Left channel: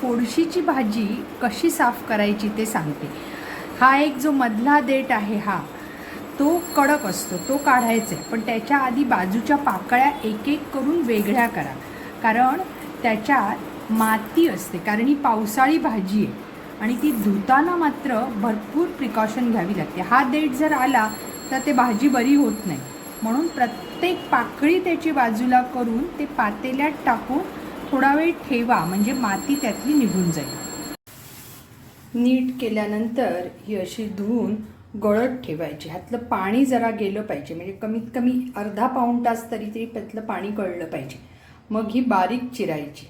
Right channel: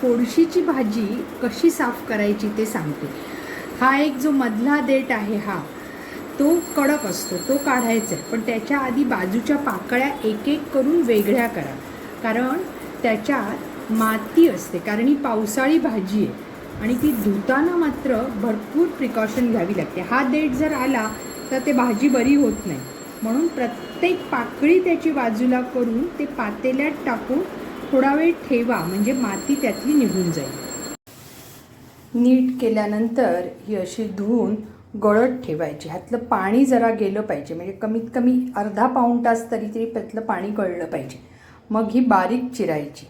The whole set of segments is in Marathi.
फोडशीची भाजी कशी साफ करायची ते सांगते. हा एक जो मधला देठ आहे हा तो कडक असतो, तो काढायचा आहे. पण त्याच्या आधी बाजूच्या पाकळ्या एक एक करून वेगळ्या करा, कारण त्याच्यात माती असते. कारण ही पावसाळी भाजी आहे आणि ती धुताना मात्र भरपूर प्रिकॉशन घ्यावी लागते. हा देठ जर आला तर ते भाजी बरी होत नाही. म्हणून प्रत्येक पाकळी त्याची बाजूला करून ते पातेल्यात टाकून थोडा वेळ ठेवा, म्हणजे माती त्यातली निघून जाईल. नीट केल्यानंतर ही अशी धुवून गळत ठेवायची. ह्यातलं पाणी जरा गेलं पाहिजे, म्हणजे कमीत कमी अर्धा पाऊण तास तरी त्यातलं पाणी गळलं पाहिजे. मग ही बारीक चिरायची.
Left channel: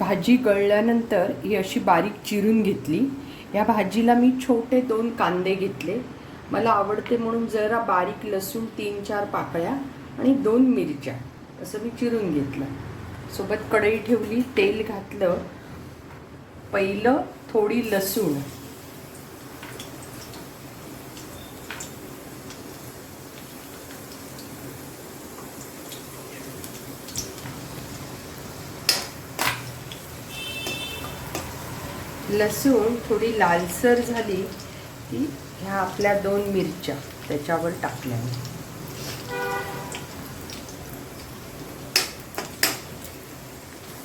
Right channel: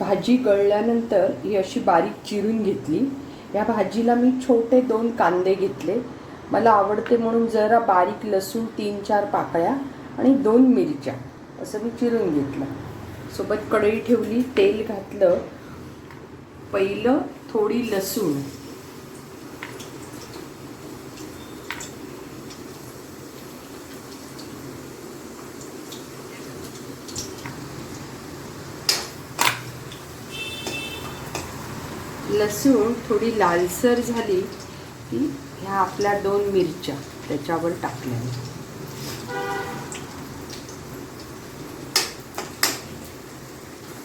भाजी गळल्यानंतर ही अशी बारीक चिरून घेतली. या भाजीला मी छोटे 2 कांदे घेतले. मला आवडते म्हणून जरा बारीक लसूण 3-4 पाकळ्या आणि 2 मिरच्या असं मी चिरून घेतलं. सोबत कढई ठेवली, तेल घातलं. पहिलं थोडी लसूण, लसूण थोडी लालसर झाली की ह्या आपल्या 2 मिरच्या त्याच्यावर टाकल्या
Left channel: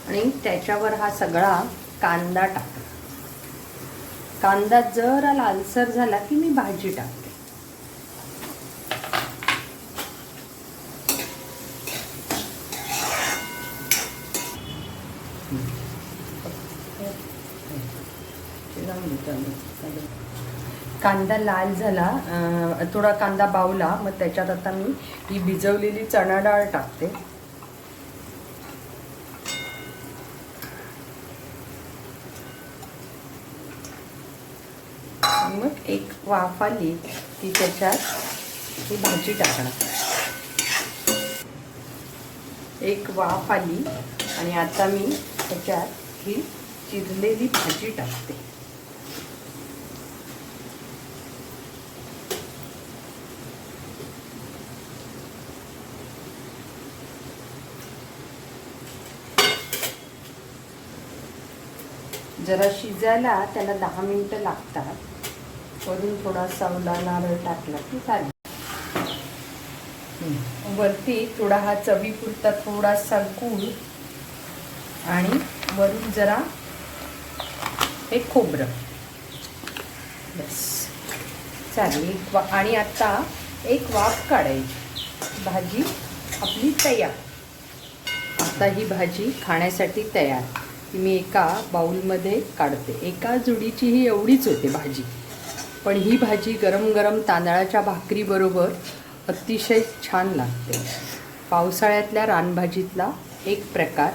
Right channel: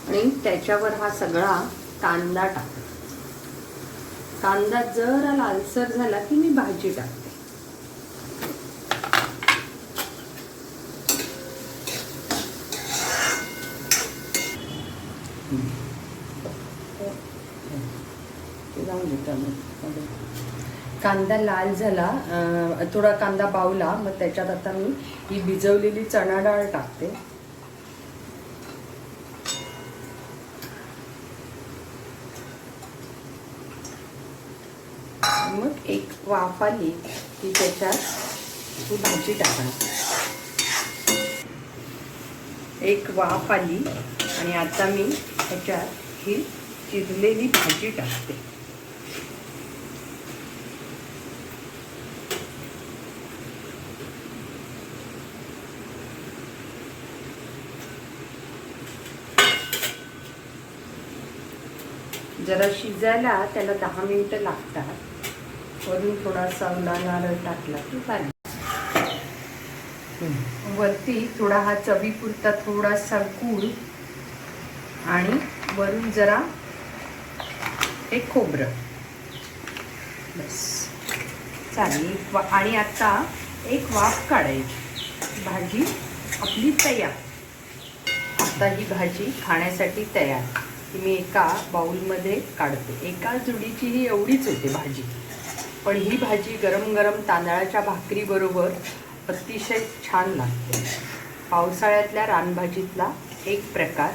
आणि त्याच्यावर हा सगळा कांदा टाकला. कांदा जरा लालसर झाला की मी भाजी टाकते. कांदा लाल झाला, थोडा कांदा बावला, मग त्याच्यात आता मी ही भिजवलेली चणा डाळ टाकते. मग एक वाफ आली की त्याच्यात ही भाजी टाकणार. एक वाफ आली आणि आता मी त्याच्यात ही शिजलेली भाजी टाकते. जरा शिजायला त्याला 10 मिनिटं लागतात. वरून थोडासा ओला नारळ टाकला की झालं. वरती थोडा हा चवीपुरता थोडासा गूळ आणि वरून जरा एक खोबरं, बस चालेल. आणि आता एक वाफ काढायची. भाजी आपली तयार. आता ही भाजी खाण्यासाठी तयार. मी एका बाउलमध्ये काढते. एका जुडीची ही एवढीच होते भाजी, पण ही भाजी गरम गरम तांदळाच्या भाकरीबरोबर अतिशय छान लागते. पावसाळ्यातल्या रानभाजीतला एक प्रकार.